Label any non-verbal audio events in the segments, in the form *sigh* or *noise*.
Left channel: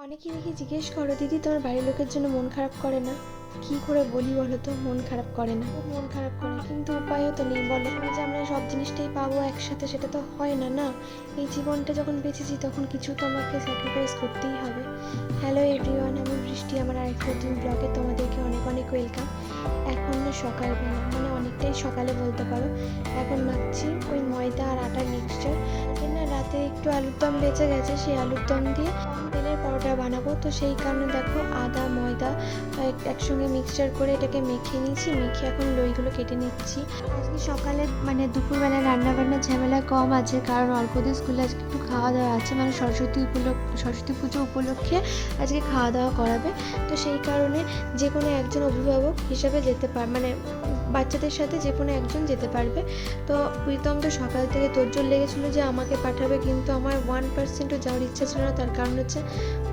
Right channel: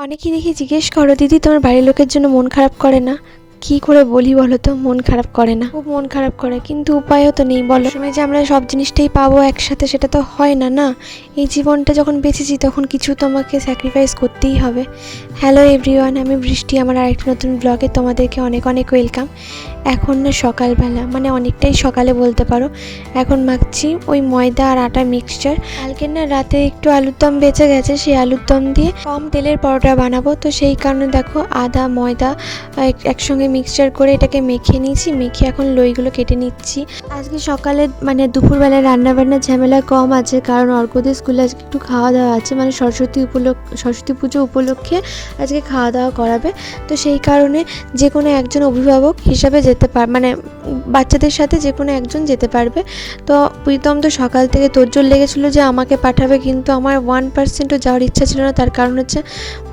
অনেকেই দেখি জিজ্ঞেস করো, দিদি, তোমার বাড়ির লোকের জন্য মন খারাপ করে না? কি করে বলি বলো তো, মন খারাপ করে না। খুব মন খারাপ করে, কিন্তু উপায়ও তো নেই, বলো। সময় যে আমরা সব জিনিসটাই পাবো একসাথে, সেটা তো হয় না না? এই জীবনটা যখন বেঁচেছি, তখন কিছু তোমাকে স্যাক্রিফাইস করতেই হবে। হ্যালো এভরিওয়ান আমি বৃষ্টি, আমার আরেকটা নতুন ব্লগে তোমাদেরকে অনেক অনেক ওয়েলকাম এখন না সকালবেলা মানে অনেকটাই সকালে বলতে পারো। এখন মাখছি ওই ময়দা আর আটা মিক্সচার কালকে না রাতে একটু আলুর দম বেঁচে গেছে, সেই আলুর দম দিয়ে কম তেলের পরোটা বানাবো। তো সেই কারণে দেখো আদা, ময়দা একসঙ্গে মিক্সচার করে এটাকে মেখে নিয়েছি, মেখে এখন লইগুলো কেটে নিচ্ছি। আজকে সকালে মানে দুপুরবেলায় রান্নাবান্নার ঝামেলা কম আছে, কারণ অর্কদের স্কুলে আজকে একটু খাওয়া দাওয়া আছে। মানে সরস্বতী উপলক্ষ, সরস্বতী পুজো উপলক্ষে আজকে খাওয়া দাওয়া করাবে। তো সেই কারণে যে কোনো একজন অভিভাবক হিসাবে যেতে পার মানে বাচ্চাদের সাথে যে কোনো একজন যেতে পারবে। তো প্রীতম তো সকাল থেকে তোরজোর লেগেছিলো যে আমাকে পাঠাবে, কিন্তু আমার ওয়ান পার্সেন্টও যাওয়ার ইচ্ছা ছিল না। তার কারণ হচ্ছে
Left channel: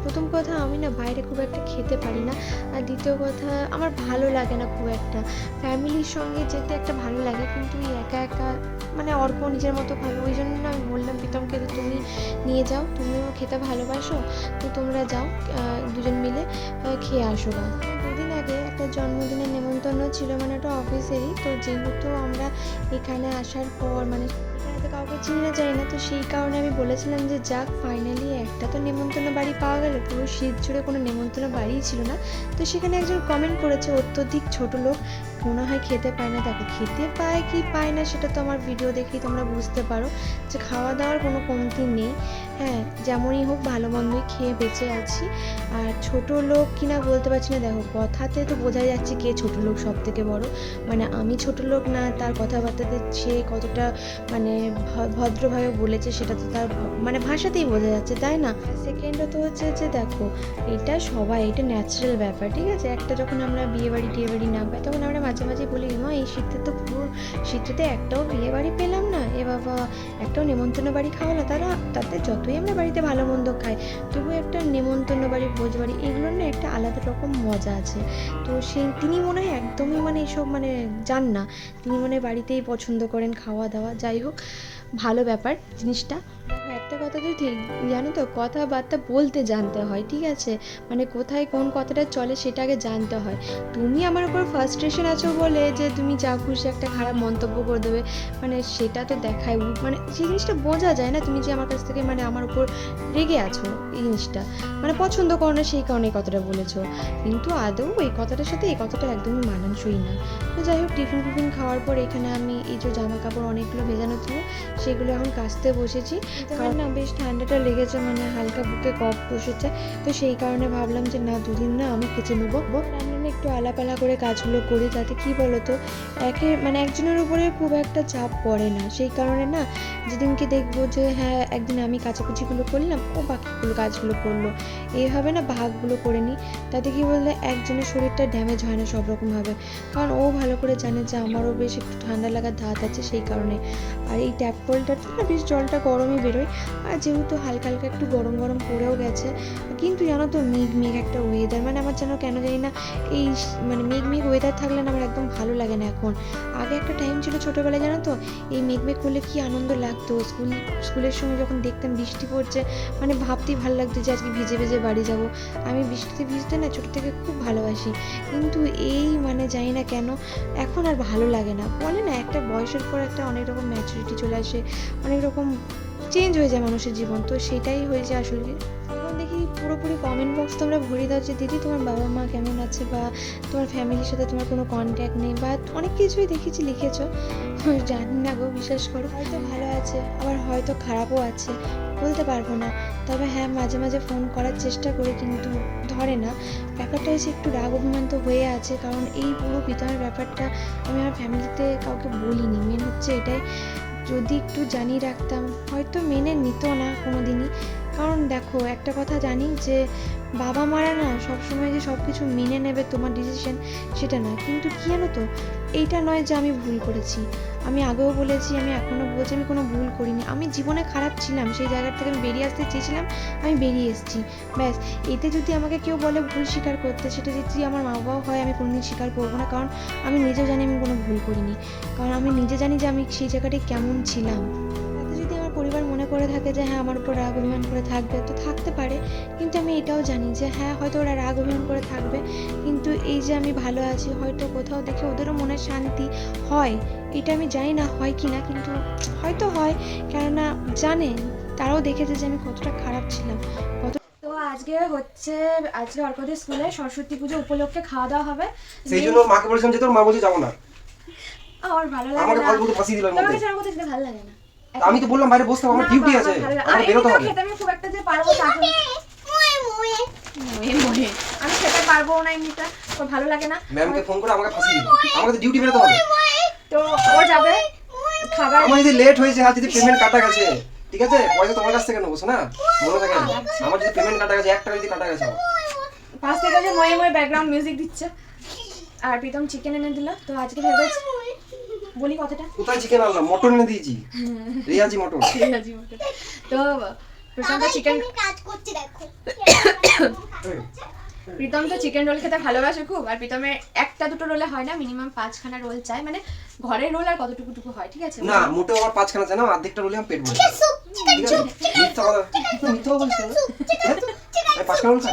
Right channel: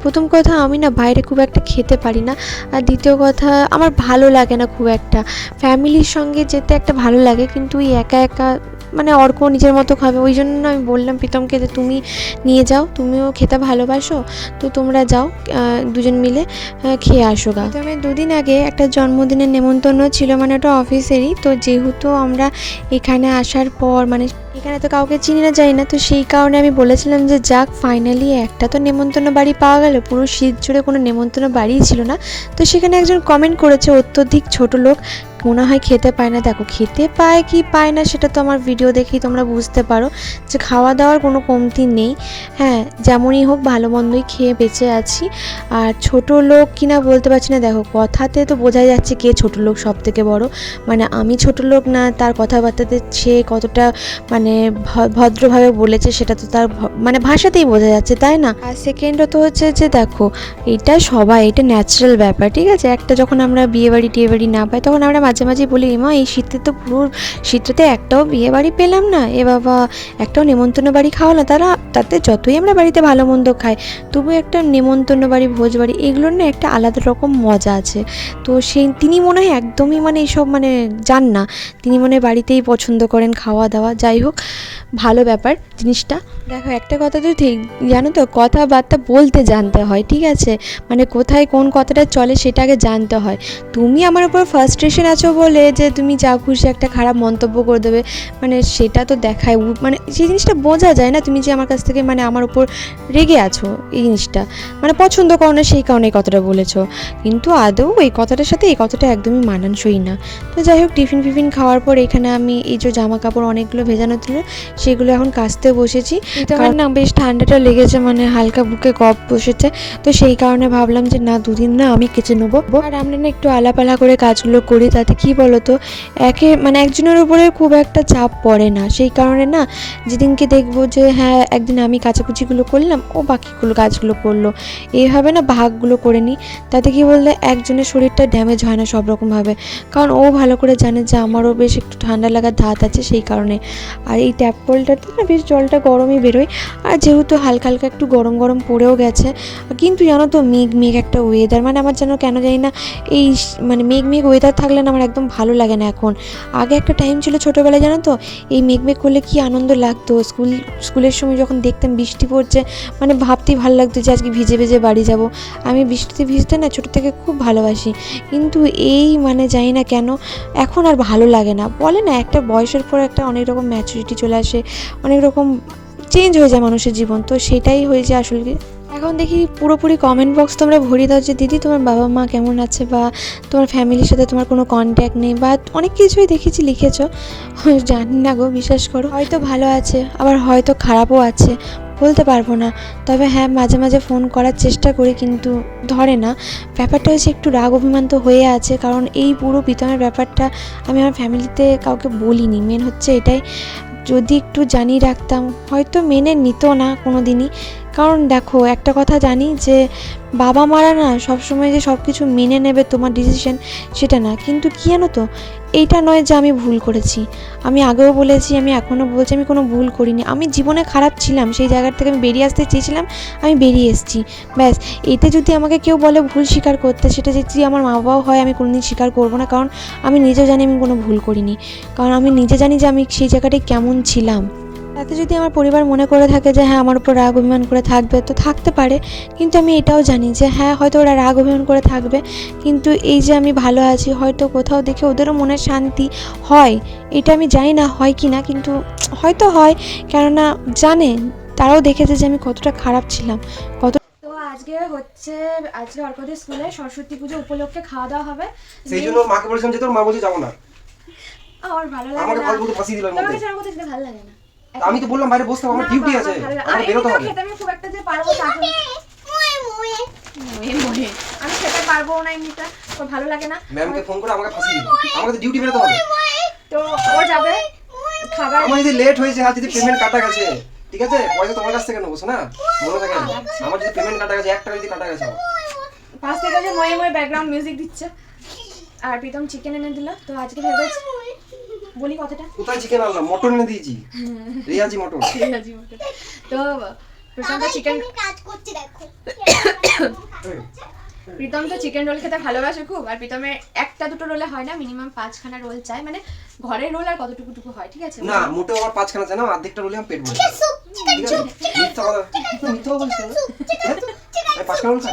প্রথম কথা আমি না বাইরে খুব একটা খেতে পারি না। আর দ্বিতীয় কথা আমার ভালো লাগে না খুব একটা। ফ্যামিলির সঙ্গে যেতে একটা ভালো লাগে, কিন্তু ওই একা একা মানে অর্ক নিজের মতো খাবে। ওই জন্য আমি বললাম প্রীতমকে যে তুমি নিয়ে যাও, তুমিও খেতে ভালোবাসো, তো তোমরা যাও দুজন মিলে খেয়ে আসো গা। তো দুদিন আগে একটা জন্মদিনের নেমন্তন্ন ছিল মানে ওটা অফিসেরই। তো যেহেতু আমরা এখানে আসার পর মানে এখানে তো কাউকে চিনি না যাই না, তো সেই কারণে আমি বলেছিলাম যে যাক ফাইনালি একটা তো নেমন্তন্ন বাড়ি পাওয়া গেল। পুরো শীত জুড়ে কোনো নেমন্তন্ন বাড়িই ছিল না। তো সেখানে একজন কমেন্ট করেছে অত্যধিক ছোট লোক মনে হয় খেতে পায় না। দেখো, খেতে পায় কি পায় না সেটা তো আমার ভিডিও দেখেই তোমরা বুঝতে পারো। যে খাওয়া দাওয়ার কোনো কমতি নেই। হ্যাঁ যেমনই হোক ভালো মন্দই খেয়ে বেঁচে আছি। আর ছোট লোক কিনা বলতে পারছি না। দেখো, কথাতে তো বোঝা যাচ্ছে কে ছোট লোক সব থেকে বড়। মানে আমি ছোট লোক না, তার কথাবার্তাতে সে কতটা মানে ভদ্রভাবে বলেছে সেটা তো তার মানে ভাষাতেই বোঝা যাচ্ছে, তাই না? আর তো হচ্ছে যে দেখো, এটা সবাই, এটা ন্যাচারাল ব্যাপার, ঠিক আছে? একটা যখন আমরা বিয়ে বাড়ি টিয়ে বাড়ি না পাই, তখন আমরা মাঝে মাঝে বলি এমা এই শীতে তো পুরো শীতটাতে একটাও বিয়ে বাড়ি পেলাম না। এ বাবা, একটাও নেমন্তন্ন বাড়ি খাওয়ালো। তারা তাতে যতই আমরা বাড়িতে ভালো মন্দ খাই তবু একটা নেমন্তন্ন বাড়ি, ভোজ বাড়ি, এগুলোর না একটা আলাদা রকম মজা আছে। তো সেই, তিনি মনে হয় একদমই মানে এইসব মানে যান না। তিনি মনে বাড়িতেই পছন্দ করেন খাওয়া দাওয়া, যাই হোক, ভালো ব্যাপার জিনিসটা। দেখো, একটা কথা তো ঠিক, জানো তো, কথাবার্তা বলতে জানতে হয়, ঠিক আছে? মানে কোথায় কোন কথাটা চলে সেটা আগে জানতে হয়। তুমি আমার উপর ফার্স্ট্রেশন আছো বলে যে তুমি যা খুশি একটা খারাপ মন্তব্য করে দেবে মানে সেটা তো দেখায়। মানে সেই জিনিসটা বোঝা যায় না, তুমি যে আমার কাছ থেকে মানে আমার উপর রেগে আছো এই জিনিসটা। মানে পছন্দ করো না সেই কারণে এই কথাটা বলেছ। কিন্তু আদৌ এই কথাটার সাথে এই কথাটা একদমই মানানসই না। তো যাই হোক টিফিন ফিফিন খাওয়ার পর এখানে আমি এই যে জামা কাপড় অনেকগুলো ভেজানো ছিল সেগুলো এখন কাচতে বসেছি। কারণ না বেশ ঠান্ডাটা লেগেছে মানে হালকা বুকে কফ বসেছে। তো সেই কারণে ভাবলাম যে না দুদিন না আমি কেচে নেব। আর আমরা না একটু আলাপালা করে কাজগুলো করি তাতে কি বলতো একে মানে একজনের উপরে খুব একটা চাপ পড়ে না। সেই কারণে না যেদিনকে দেখব যে হ্যাঁ একদিন আমি কাচাকুচিগুলো করলাম, ও বাকিগুলো কাজগুলো করল। এইভাবে না ভাগগুলো করে নিই তাতে কি বললে একজনের শরীরটা ড্যামেজ হয় না সব রকমভাবে কারণ ও ভালো করে জানে যে আমারও বেশ একটু ঠান্ডা লাগার ধাত আছে সেই কারণে। আর এই ট্যাপ কলটাতে না বেশ জলটা গরমই বেরোয়। আর যেহেতু হালকা হালকা একটু গরম গরম পড়েও গেছে, কিন্তু জানো তো মেঘ মেঘ একটা ওয়েদার মানে আমার যেন কেন জানি না এই মানে মেঘ মেঘ ওয়েদার থাকলে না আমার একদম ভালো লাগে না এখন। আগে একটা টাইম ছিল ছোটোবেলায় জানো তো, এই মেঘ মেঘ করলে কি আনন্দ লাগতো? স্কুল, স্কুলের সময় যখন দেখতাম বৃষ্টি পড়ছে মানে ভাবতেই ভালো লাগতো যে আজকে ভিজে ভিজে বাড়ি যাব আমি বৃষ্টিতে ভিজতে না ছোটো থেকে খুব ভালোবাসি, কিন্তু এই মানে জানি না কেন এখন আর ভালো লাগে না বলে না, একটা বয়সের পর একটা অনেক রকম ম্যাচুরিটি চলে আসে, অনেক রকম চেঞ্জ হয়ে যায় মানুষের জীবন, তো সেটাই হয়েছে আসলে কি। এখন দেখি পুরোপুরি কমেন্ট বক্স তোমরা ভরিয়ে দাও যে, দিদি, তোমার বাবা মা কেমন আছে? বা, তোমার ফ্যামিলির সাথে তোমার কোনো কন্ট্যাক্ট নেই? বা, অনেক কিছুই দেখেছি, লিখেছো? *laughs* জানি না গো, বিশ্বাস করো। হয়তো ভালো আছে, আবার হয়তো খারাপও আছে, বলতে পারব না। তবে হ্যাঁ মাঝে মাঝে ফোন করার চেষ্টা করি, কিন্তু ধরে না। ব্যাপারটা হচ্ছে একটু রাগ অভিমান তো হয়ে আছে, কারণ এই পুরো প্রীতমের ব্যাপারটা আমি আমার ফ্যামিলিতে কাউকে বলিনি। মেন হচ্ছে এটাই, যদি একটু জানিয়ে রাখতাম, হয়তো মেনে নিত না কোনো দিনই কারণ দেখো, একটা কথা জানি যে বাবা মারা না সবসময় যে সব কিছু মেনে নেবে তোমার ডিসিশন সেটা না। কিন্তু কী জানো তো, এইটা নয় যে আমি ভুল করেছি। আমি আগেও বলেছি, আমি এখনও বলছি, আমি কোনো ভুল করিনি। আমি জীবনে খারাপ ছিলাম, সেই জায়গার থেকে আমি বেরিয়ে আসতে চেয়েছিলাম, আমি বেরিয়ে এসেছি। ব্যাস, এতে যদি আমাকে কেউ বলে ভুল স্বীকার করতে, সেটা যদি আমার মা বাবাও হয়, আমি কোনোদিন স্বীকার করব না। কারণ আমি নিজেও জানি আমি কোনো ভুল করিনি। কারণ আমি নিজে জানি যে আমি সেই জায়গাটায় কেমন ছিলাম। তাতে যদি আমার পরিবার মনে করে থাকে যে হ্যাঁ আমার উপর রাগ অভিমান করে থাকবে তো থাকতে পারে। কিন্তু আমি এটাও জানি যে হ্যাঁ হয়তো ওরা রাগ অভিমান করে থাকবে। কিন্তু এই যে আমি ভালো আছি হয়তো কোথাও দেখে ওদেরও মনে শান্তি হয়। এটা আমি জানি না হয় কি না কিন্তু হয়তো হয়। কেননা জানে তারাও দেখেছে যে আমি কতটা খারাপ ছিলাম। কত তো আজকে হচ্ছে আজকে অর্কদের স্কুলে সরস্বতী পুজো উপলক্ষে খাওয়া দাওয়া হবে। সেই জন্য মাকে বলেছিলাম যে তোর মা বলছে যাব না। আমার ভালো লাগে আমাকে না। ফালতু তোমাকে ছাড়া কোথাও ভালো লাগে না। আমি তো বললাম বাইরে বসতে হবে, আমার ডিউটি আছে। আমার আমি বেরোতে এমনিতেও হবে। খেতে আমি খুব একটা যে পারব তা তো- ময়ে ময়ে। আমি খেতে পারব না এমনিটা তো ভালো লাগে না। ম্যামকে ফোন করে আমাকে ফাঁসিয়ে দিল আমাকে তো ডিউটি বেরোতে হবে। তো ও যাবে। খাবার আমার যদি লেট হয়েছে আর যদি পেমেন্ট কাটা গেছে ঠিক আছে? পয়সা তোমার কাছ থেকে নেব না মনে থাকে। আমার যদি পেমেন্ট কাটা গেছে এক টাকা যদি কাটা গেছে। পাশ থেকে যে ময়ে ময়ে ব্যাকগ্রাউন্ড মিউজিক দিচ্ছে। আর প্রীতম চিকেন এনে দিল। তো আজকে ভেবেছি বলি কথাটা? কোথায় চিকেন আনলাম? মটন এনে দিয়েছি। রিয়াজি মটন। তো প্রীতম তো চিকেন কাজ করছি দেখো। প্রীতম তো চিকেন রোল খেতে ভালোবাসে খুব আর প্রীতমের একটা দুটো রোলে হয় না মিনিমাম পাঁচখানা রোল চাই মানে ঘরের রোল আর কতটুকু টুকু হয় ঠিক আছে? না মোটেও আমার পাঁচখানা চাই না অর্ধেকটা রোলে আমি পেট ভরে ঠিক আছে? মিথ্যা কথা মিথ্যা কথা না?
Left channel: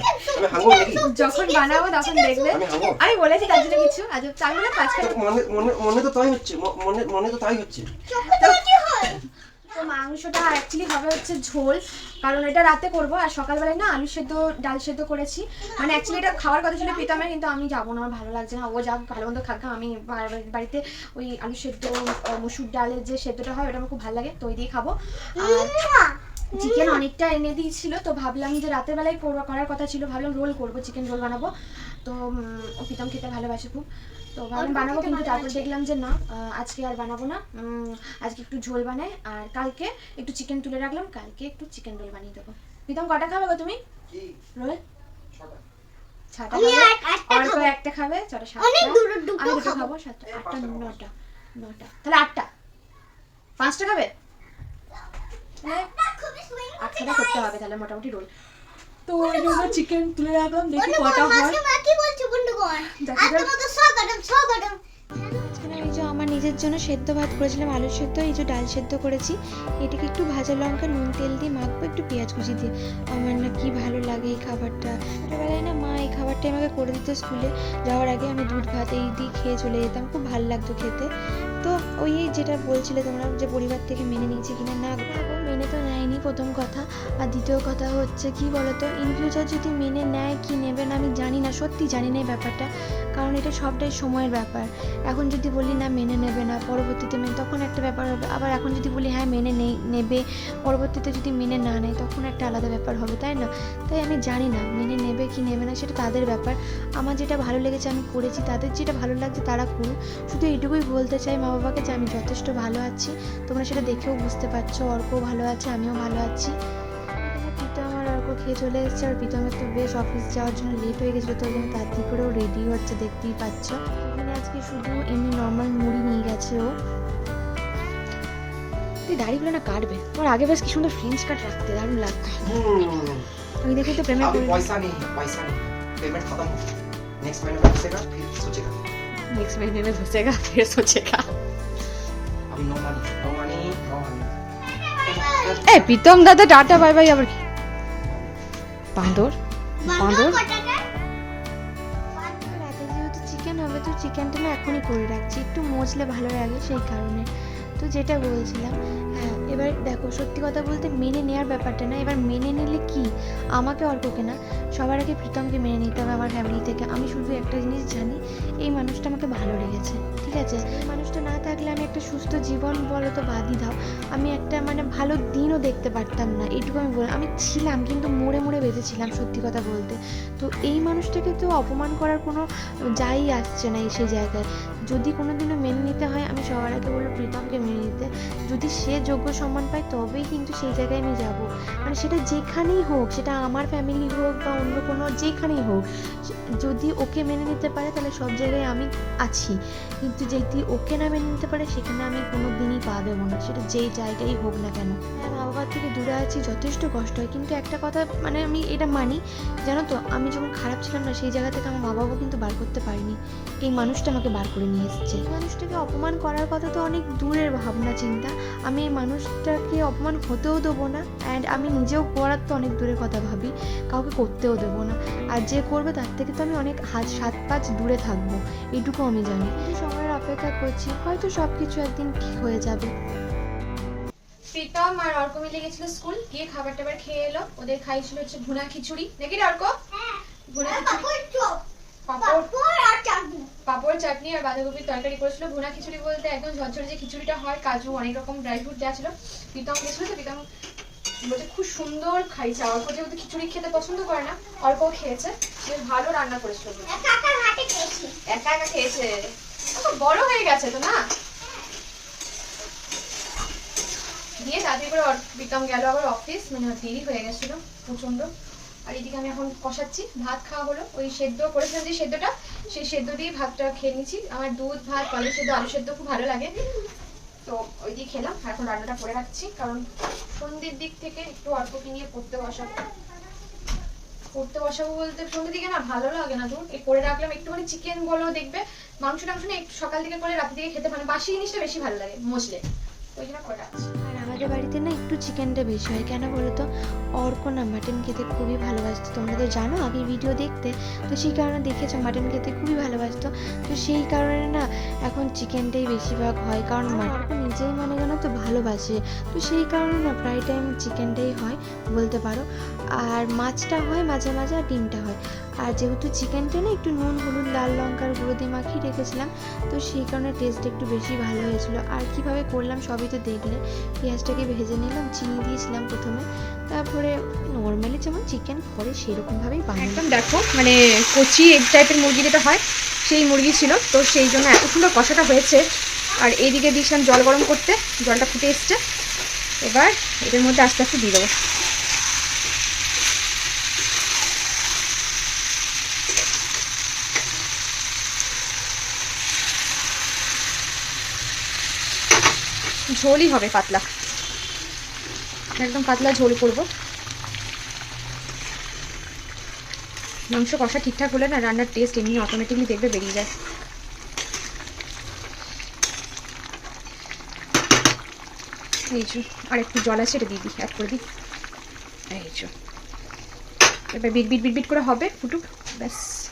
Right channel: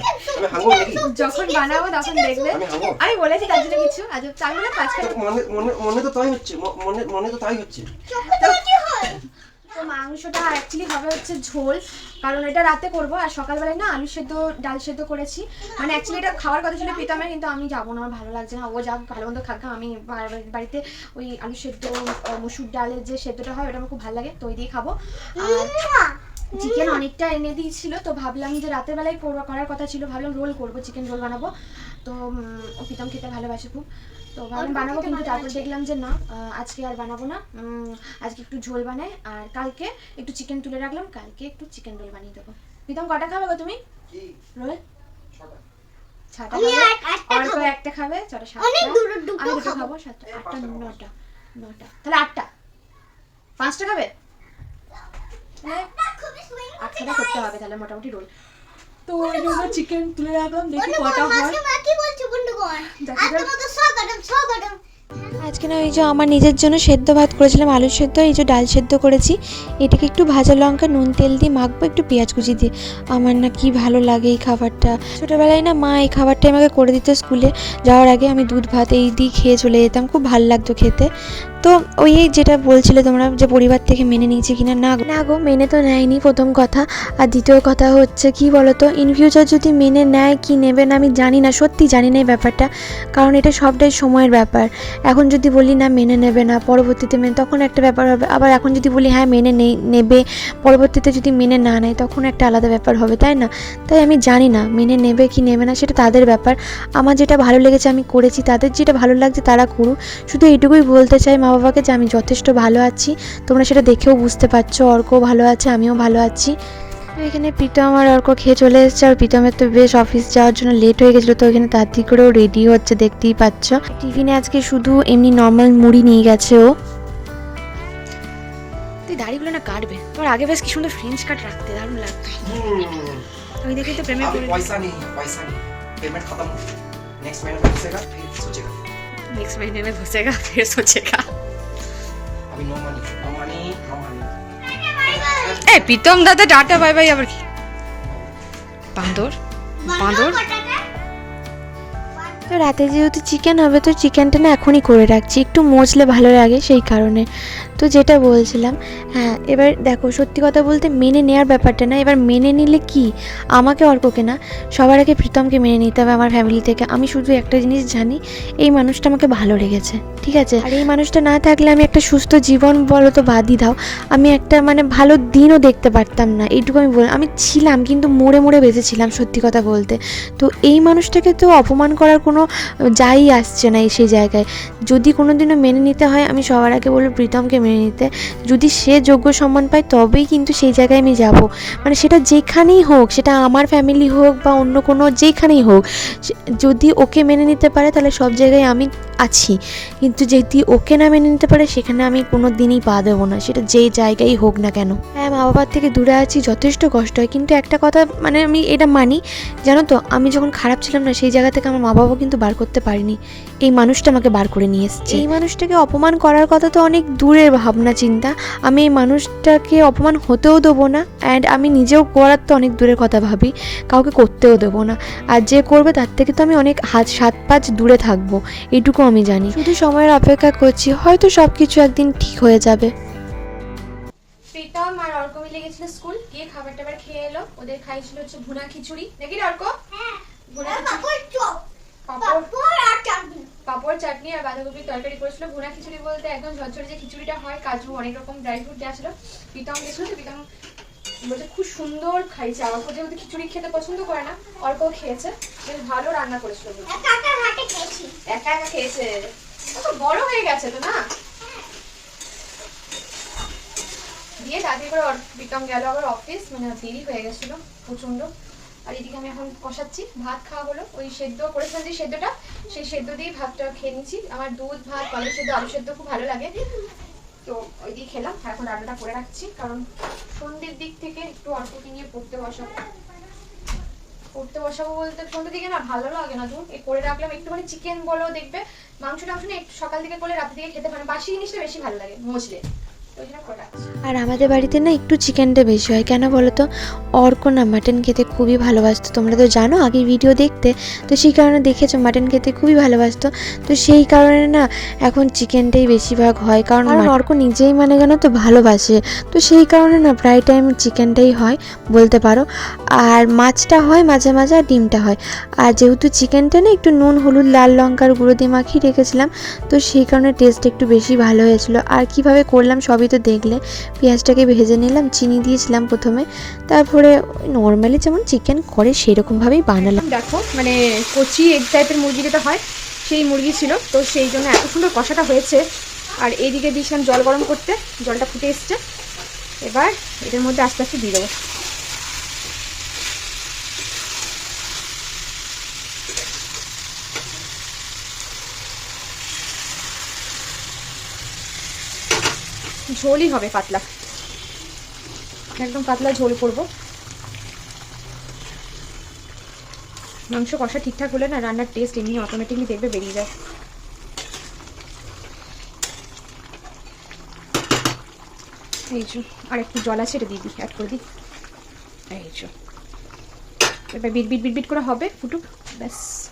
আমি আমি যখন বানাবো তখন দেখবে। আমি বলেছি তার জন্য কিছু। আজ মানে মনে মনে মনে তো তাই হচ্ছে। মনে মনে তো তাই হচ্ছে। তো মাংসটা অ্যাকচুয়ালি হবে হচ্ছে ঝোল। কারণ এটা রাতে করব। আর সকালবেলায় না আলু সেদ্ধ ডাল সেদ্ধ করেছি। মানে অ্যাকচুয়ালি এটা খাওয়ার কথা ছিল প্রীতমের কিন্তু আমি যাব না। আমার ভালো লাগছে না। ও যাক ভালো মন্দ খাক আমি বাড়িতে ওই আলু সেদ্ধ মসুর ডালের যে সেদ্ধটা হয় ওটা আমার খুব ভালো লাগে। তো ওই দিয়ে খাব। আর চিকেন অনেকটা এনে দিয়েছিল তো ভাবলাম যে রাতের বেলায় করবো- করার কথা ছিল ভাবলাম রোল করব চিকেন রোল বানাবো। তো ও প্রীতম খেতে ভালোবাসে খুব। তো ভাবলাম বানাবো কিন্তু তারপর দেখলাম যে না আজকে আর বানাবো না। আজকে একটু ঝোল বানাই আর কালকে একটু চিকেন তুলে রাখলাম কালকে একটু চিকেন রোল বানিয়ে দেবো। প্রীতম কটা খাবে গো তুমি? রোল ছটা। একটা অল্প খাব। একটা খাবে। ছটা সাতটা? অনেক দুটো দুটো আমি দুটো খাব। খাব সাতটা? এই আটটা পাঁচটা খাব। নটা নটা। তাহলে আটটা। পাঁচটা খাবে? আটটা করতে হবে তাহলে মোটামুটি রোল। তো ওই জন্য চিকেন তুলে রাখলাম দেখি কটা হয়। আজকে না এই যে আমার নিজের জন্য সেদ্ধ ভাত করেছিলাম, আলু সেদ্ধ, এই যে ডাল সেদ্ধ করেছি। এটাকে একটু ভাজা লঙ্কা, নুন তেল দিয়ে মাখবো, একটু পেঁয়াজ কুচি দিয়ে। আমার না কি ভালো লাগে এই খাবারটা। ছোটোবেলায় না মা এই খাবারটা আমাকে করে দিত স্কুলে। যাওয়ার আগে আমি দুধ ভাত এই দিয়ে খেয়ে চলে যেতাম, খুব ভালো লাগতো খেতে। তো ওই যেটা বলছিলে তোমরা যে পরিবার থেকে মেনে নিয়েছে কিনা, না না গো, মেনে তো নেয়নি প্রথম কথা। আর দ্বিতীয় কথা হচ্ছে, কি বলতো ইন ফিউচার যদি মেনে নেয়, কি নেবে না আমি জানি না, সত্যি জানি না এই ব্যাপারটা। কারণ এটা সবটাই সময়ের ব্যাপার। এখন যদি বলি, না, মেনে নেবে না, পরবর্তীতে মেনে তখন একটা ব্যাপার হবে। আবার এখন যদি বলি হ্যাঁ মেনে নেই, নেবে, পরবর্তীতে যদি মেনে না নেয়, তখন একটা আলাদা ব্যাপার হবে, তাই না? তাই আমি জানি না, মেনে নেবে কি নেবে না, সেটা তাদের ব্যাপার। আমার যেটা ভালো লেগেছে, আমি করেছি। তাদের যেটা ভালো লাগছে, তারা করুক। শুধু এইটুকুই বলতে চাই মা বাবাকে যে, আমি যথেষ্ট ভালো আছি। তোমরা সেটা দেখেও বুঝতে পারছ। অর্কও ভালো আছে, আমিও ভালো আছি। এখানে প্রীতম আর অর্ক খেয়ে চলে এসেছে আর প্রীতমের তো বেশ অফিস যাওয়ার জন্য লেট হয়ে গেছিলো তো এখানে তাড়াতাড়ি করেও রেডি হচ্ছে দেখতেই পাচ্ছ টিফিনে আজকে শুধু এমনি নর্মাল মুড়ি নিয়ে গেছে ও তুই দাড়িগুলো না কাটবে তোর আগে বেশ কি সুন্দর ফ্রেঞ্চ কাট রাখতে দারুণ লাগবে हम्म, ওই দেখে তো প্রেমে अभी পড়ে पैसा नहीं पैसा नहीं पेमेंट खत्म नेक्स्ट महीने में घुसेगा फिर सोचेगा नेक्स्ट महीने में घुसेगा फिर सोचेगा अभी no money no money no money এই প্রীতম দাদা টাটা বাই বাই আবার কি? বাঁদর বাঁদর তো রাতে যেহেতু চিকেন হবে তো চিকেনটা না এখনই করে রাখছি। একটু মজলে ভালো লাগে সেই কারণে। তো যেটা বলছিলাম হ্যাঁ এবার দেখো সত্যি কথা বলতে মেনে নেওয়ার ব্যাপারটা না এবার মেনে নিলে কি? আমাকে অর্ককে না সবার আগে প্রীতমকে মেনে নিতে হবে আমার ফ্যামিলি থেকে। আমি শুধু একটা জিনিস জানি এই মানুষটা আমাকে ভালো লেগেছে ঠিক আছে? আর। এই মানুষটা না থাকলে আমি একটা সুস্থ জীবন বলো তো বাদই দাও আমি একটা মানে ভালো দিনও দেখতে পারতাম না এইটুকু আমি বল আমি ছিলাম কিন্তু মোড়ে মোড়ে বেঁচেছিলাম সত্যি কথা বলতে। তো এই মানুষটাকে তো অপমান করার কোনো যাই আসছে না এই সেই জায়গায়। যদি কোনো দিনও মেনে নিতে হয় আমি সবার আগে বলব প্রীতমকে মেনে নিতে। যদি সে যোগ্য সম্মান পায় তবেই কিন্তু সেই জায়গায় আমি যাব। মানে সেটা যেখানেই হোক, সেটা আমার ফ্যামিলি হোক বা অন্য কোনো যেখানেই হোক যদি ওকে মেনে নিতে পারে, তাহলে সব জায়গায় আমি আছি। কিন্তু যদি ওকে না মেনে নিতে পারে, সেখানে আমি কোনো দিনই পা দেবো না। সেটা যেই জায়গায় হোক না কেন। হ্যাঁ মা বাবার থেকে দূরে আছি, যথেষ্ট কষ্ট হয়। কিন্তু একটা কথা মানে আমি এটা মানি, জানো তো, আমি যখন খারাপ ছিলাম না, সেই জায়গা থেকে আমার মা বাবা কিন্তু বার করতে পারিনি। এই মানুষটা আমাকে বার করে নিয়ে এসেছে। এই মানুষটাকে অপমান করার কথা তো অনেক দূরের ভাবনা, চিন্তা। আমি এই মানুষটাকে অপমান হতেও দেবো না অ্যান্ড আমি নিজেও করার তো অনেক দূরের কথা ভাবি কাউকে করতেও দেবো না। আর যে করবে তার থেকে তো আমি অনেক হাত সাত পাঁচ দূরে থাকব এটুকু আমি জানি। শুধু সময়ের অপেক্ষা করছি হয়তো সব কিছু একদিন ঠিক হয়ে যাবে। প্রীতম আর অর্ক মিলে গেছিল স্কুল গিয়ে খাবার টাবার খেয়ে এলো। ওদের খাইছিল হচ্ছে ভুনা খিচুড়ি। নাকি অর্ক? ভুনা খিচুড়ি? পাপড়? চাটনি। আর বাঁধাকপির তরকারি করেছিল। ভুনা খিচুড়ি বলতে একদম ঝরঝরে যে খিচুড়িটা হয় কাজু অনেক রকম ড্রাই ফ্রুট দেওয়া ছিল। প্রীতম গেছিল তো প্রীতম বলতে খুব সুন্দর খাইছে। আমার অর্ক যেহেতু খিচুড়ি খেতে পছন্দ করে না অল্পও খেয়েছে বেশ ভালো রান্না করেছিল। একা একা খেয়েছি। বড় হয়ে গেছে তো না? দিয়ে তাড়াতাড়ি করে প্রীতম গেল আবার অফিস মানে দেরি হয়ে গেছিল প্রচণ্ড আর এদিকে আমি এখন কষাচ্ছি। ভাত খাওয়া হলো। ওই সেদ্ধ করেছিলাম যে সেদ্ধটা, সেই সেদ্ধ দিয়ে ভাতটা খেয়ে নিচ্ছি আমার দুধ, ভাত কলের সেদ্ধ, আলু সেদ্ধ খুব ভালো লাগে। তো ওই দিয়ে খেলাম। আর এখন রান্নাটা করে রাখছি। কারণ সন্ধ্যের দিক থেকে একটু অল্পকে নিয়ে পড়তে বসাবো। পড়তে বসাবো বলতে সন্ধ্যের দিকে না ভালো লাগে না এই করে রাখলাম। একটুখানি চিকেন বলো দেখবে। মাংস টাংস না একটু সকাল দিকে করে রাতে দিকে খেতে মানে বাসি জিনিসটা বেশি ভালো লাগে মজলে আর আমাদের বাড়িতে না একটু চিকেনটা বেশি হয়। কেন বলো তো অর্ক না মাটন খেতে খুবই ভালোবাসতো। তোমরা তো জানো আগে ভিডিও দেখতে। তো সেই কারণে দেখেছ মাটন খেতে খুবই ভালোবাসতো। তো সেই কারণে না এখন চিকেনটাই বেশিরভাগ হয়। কারণ কারণ অর্ক নিজেই মানে কেন তো ভালোবাসে। তো সেই কারণে না প্রায় টাইম চিকেনটাই হয় বলতে পারো। আর মাছটা হয় মাঝে মাঝে আর ডিমটা হয়। আর যেহেতু চিকেনটা না একটু নুন হলুদ লাল লঙ্কার গুঁড়ো দিয়ে মাখিয়ে রেখেছিলাম তো সেই কারণে টেস্ট একটু বেশি ভালো হয়েছিল। আর কীভাবে করলাম সবই তো দেখলে। পেঁয়াজটাকে ভেজে নিলাম, চিনি দিয়েছিলাম প্রথমে। তারপরে নর্মালি যেমন চিকেন করে, সেরকমভাবেই বানালাম। দেখো মানে কচি এক টাইপের মুরগি যেটা হয়, সেই মুরগি ছিল। তো সেই জন্য এত সুন্দর কষাটা হয়েছে। আর এইদিকে দিয়েছিলাম জল গরম করতে, জলটা ফুটে এসছে। এবার এটার মধ্যে আস্তে আস্তে দিয়ে দেবো। ঝোলই হবে পাতলা। একদম পাতলা ঝোল করব। মাংস কষা ঠিকঠাক হলে না রান্নার টেস্ট এমনি অটোমেটিকলি দেখবে বেরিয়ে যায়। এই যে, আর একটু জল আছে, এটা দিয়ে দিই অ্যাড করে দিই। এই যে। এবার বিট বিট বিট বিট করে হবে ফুটুক, ব্যাস।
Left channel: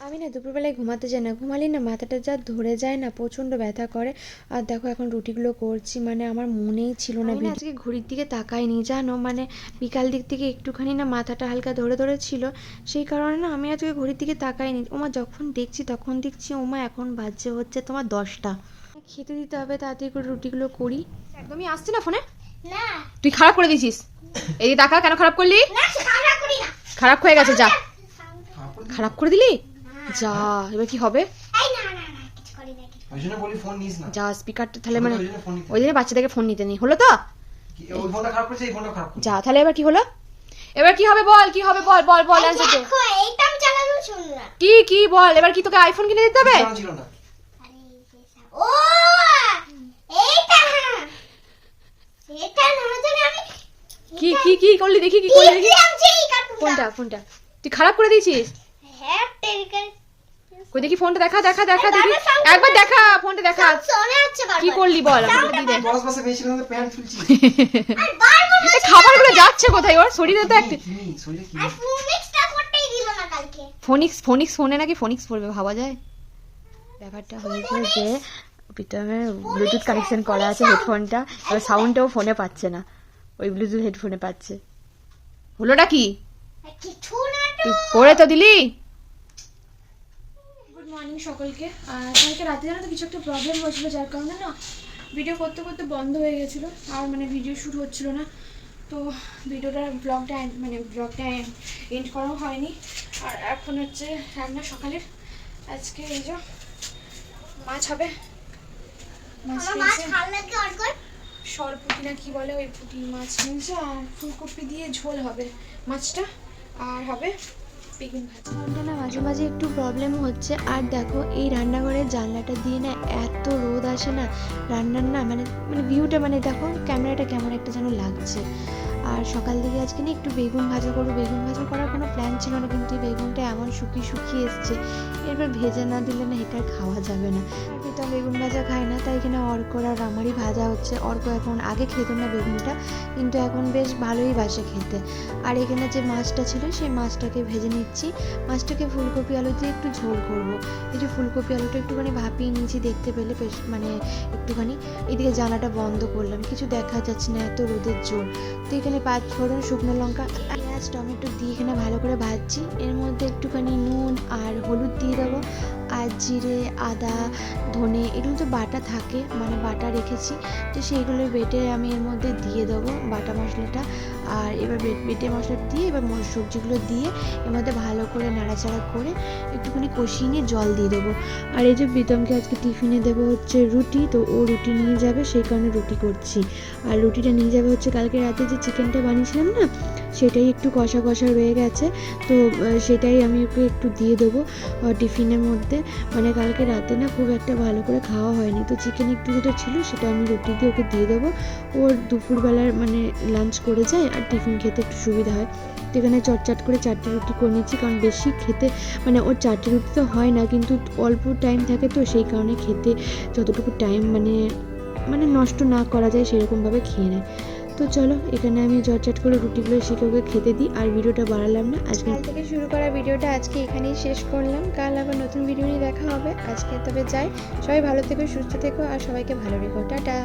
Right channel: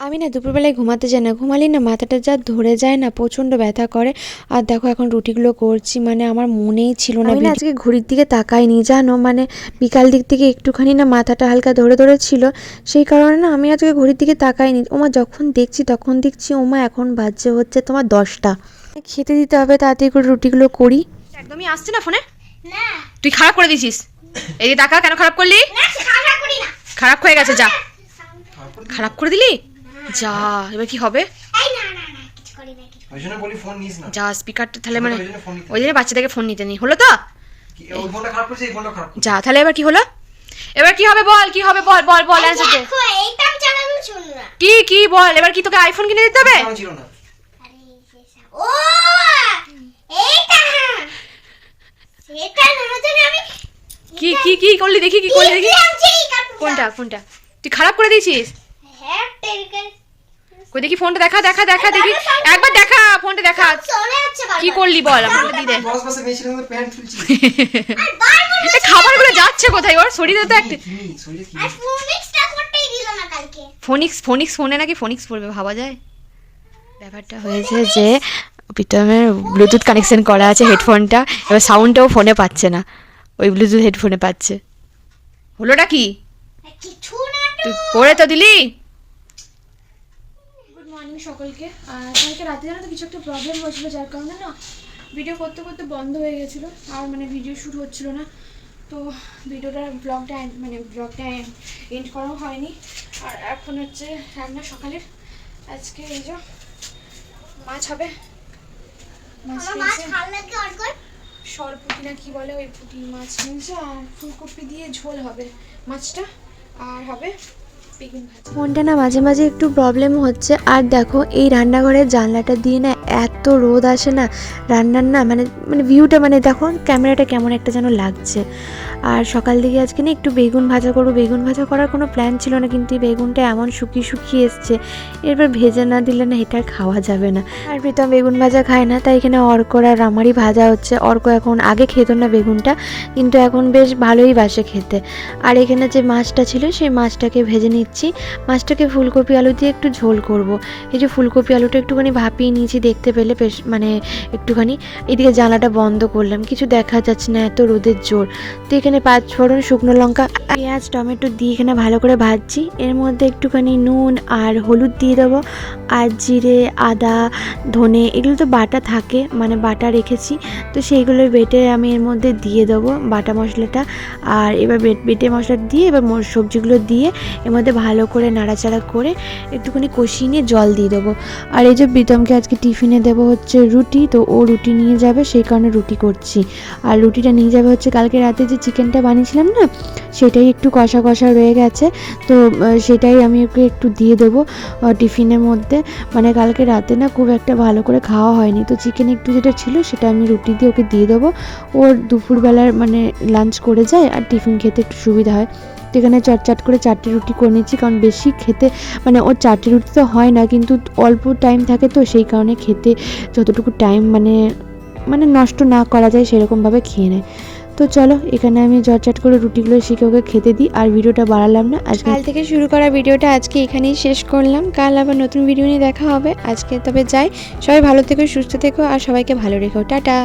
আমি না দুপুরবেলায় ঘুমাতে যাই না। ঘুমালেই না মাথাটা যা ধরে যায় না প্রচণ্ড ব্যথা করে। আর দেখো এখন রুটিগুলো করছি মানে আমার মনেই ছিল না আমি না আজকে ঘড়ির দিকে তাকাইনি জানো? মানে বিকাল দিক থেকে একটুখানি না মাথাটা হালকা ধরে ধরে ছিল। সেই কারণে না আমি আজকে ঘড়ির দিকে তাকাইনি। ওমা যখন দেখছি তখন দেখছি ওমা এখন বাজছে হচ্ছে তোমার দশটা। খেতে দিতে হবে তাড়াতাড়ি করে রুটিগুলো করি। একদমই আসছে না ফোনে? না। তুই খারাপ করে দিয়েছিস। এই টাকা কেন খারাপ করলি? না সে খাওয়া করি না। খারাপ হয়ে গেছে যা। খারাপ করে দিলি? যা এবার কি হবে? এই না না না কিছু করি না কিছু ওই জন্য বলি ফোন নিস না। যা স্পিকারটা তাহলে মানে ওই জন্য ফোন নিতে ওই বাচ্চাটাকে ফোন নিতে নি হলো তো? কি, ওই ফোনটা খারাপ করছে এই ফোনটা খারাপ করছে। যা তাহলে এবার কি হলো? এবার কি হবে বল কি হবে বল বল বল অ্যান্সার দে। দেখো এইটা আমি চালানো শুন না কি কি বল এবার কি তোকে আইফোন কিনে দিতে হবে? কি কি কি করলি? দেখি কি করলি? দেখি। কোনটা কোনটা? তুই খারাপ করে দিয়েছিস? কই দেখি ফোনটা দেখা দেখা দেখা দেখি। একবার দেখা ফোনটা দেখা। কি করলি বল আমাকে দিয়ে দে। বস বসে মেয়ে ছিল প্যান্ট খুলছি *laughs* আর বারবার এ খাবারগুলো যাচ্ছে কোথায়? ওর শরীরে তো একটা ফোনিক্স ফোনিক্স ফোনে নাকি ফোনিক্স পড়বে ভাবা যায়? ব্যাপারটা হয়েছে যে প্রীতমের ব্লুটুথ কানেকশন করা আছে হেডফোনটা এবার সাউন্ডটাও ফোনে পাচ্ছে না। ওই ব্লুটুথ হেডফোনে পাচ্ছে। হলোটা কি? পড়ে তো দিলি? মর্নিং সকলকে। আর কালকে রাতে জানো তো কিছু একটা প্রবলেম হয়েছিল যার কারণে না ভিডিও করতে করতে বন্ধ হয়ে গেছিল। আর মানে ভিডিও শুরু হচ্ছিল না। তো ভিডিওটা ব্লগটা মানে ব্লগটা এন্ড করাও হয়নি। আর এখন হচ্ছে রান্না সকালের। আজকে এই যে মাছ হবে। মাছ কর সরপুটি না কি বলে ওই পুঁটি মাছ। কিনছে আর ফুলকপি দিয়ে ঝোল হবে মাছটা। আর হবে ফোনটা না মাঝে মাঝে একটু প্রবলেম হচ্ছে। আর দেখো, এই রান্নাঘরের জানলাটা দিয়ে না এত রোদ আসে না। রান্নার না মানে মানে ভিউটা মানে দেখো ক্যামেরাটা কেমন একটা যেন লাগছে। আর সকাল দিকে আজকে না একটু বেগুন ভাজা করব। বেগুন ভাজা করার কোনো প্ল্যান ছিল না, কিন্তু এই বেগুনটা এমন শুকিয়ে শুকিয়ে এসছে। এরপর ভেজে না দিলে না এটা খাওয়া যাবে না। আর প্রীতম বেগুন ভাজা খায় না, তাই এখানে অর্কর আর আমারই ভাজা হচ্ছে। অর্ক এখন আগে খেত না বেগুনটা, কিন্তু এখন বেশ ভালোই বাসে খেতে। আর এখানে যে মাছটা ছিল, সেই মাছটাকে ভেজে নিচ্ছি। মাছটাকে ফুলকপি আলু দিয়ে একটু ঝোল করব। এই যে ফুলকপি আলুটা একটুখানি ভাপিয়ে নিয়েছি, দেখতে পেলে বেশ মানে একটুখানি। এদিকে জানলাটা বন্ধ করলাম, কিছু দেখা যাচ্ছে না, এত রোদের জোর। তো এখানে পাঁচ ফোড়ন শুকনো লঙ্কা, পেঁয়াজ, টমেটো দিয়ে এখানে ভালো করে ভাজছি। এর মধ্যে একটুখানি নুন আর হলুদ দিয়ে দেবো আর জিরে, আদা, ধনে, এগুলো তো বাটা থাকে মানে বাটা রেখেছি। তো সেইগুলো বেটে আমি এর মধ্যে দিয়ে দেবো বাটা মশলাটা। আর এবার বেট মশলা দিয়ে এবার সবজিগুলো দিয়ে এর মধ্যে ভালো করে নাড়াচাড়া করে একটুখানি কষিয়ে নিয়ে জল দিয়ে দেবো। আর এই যে প্রীতমকে আজকে টিফিনে দেবো হচ্ছে রুটি, তো ও রুটি নিয়ে যাবে, সেই কারণে রুটি করছি। আর রুটিটা নিয়ে যাবে হচ্ছে কালকে রাতে যে চিকেনটা বানিয়েছিলাম না, সেটাই একটু কষা কষা রয়ে গেছে। তো সেটাই আমি ওকে একটু দিয়ে দেবো টিফিনের মধ্যে। মানে কালকে রাতে না খুব একটা ভালো করে খাওয়া হয়নি। তো চিকেন একটু যেটা ছিল, সেটা আমি রুটি দিয়ে ওকে দিয়ে দেবো। ওর দুপুরবেলার মানে লাঞ্চ করে যায় আর টিফিন খেতে একটু সুবিধা হয়। তো এখানে চটচট করে চারটে রুটি করে নিচ্ছি কারণ বেশি খেতে মানে ওর চারটে রুটি তো হয় না, কিন্তু অল্প টাইম থাকে তো সেই কারণে খেতে যতটুকু টাইম মানে মানে নষ্ট না করা যায় সেরকমভাবে খেয়ে নেয়। তো চলো, এখানে আমি ঝটঝট করে রুটিগুলো শিখে ওকে খেতে দিই, আর ভিডিওটা বাড়ালাম না, আজকে কাল থেকে শুরু করা ভিডিওটা আজকে এখানেই শেষ করলাম। কাল আবার নতুন ভিডিও নিয়ে দেখা হবে। আজকে তবে যাই, সবাই ভালো থেকো, সুস্থ থেকো, আর সবাইকে ভালো রেখো। টাটা!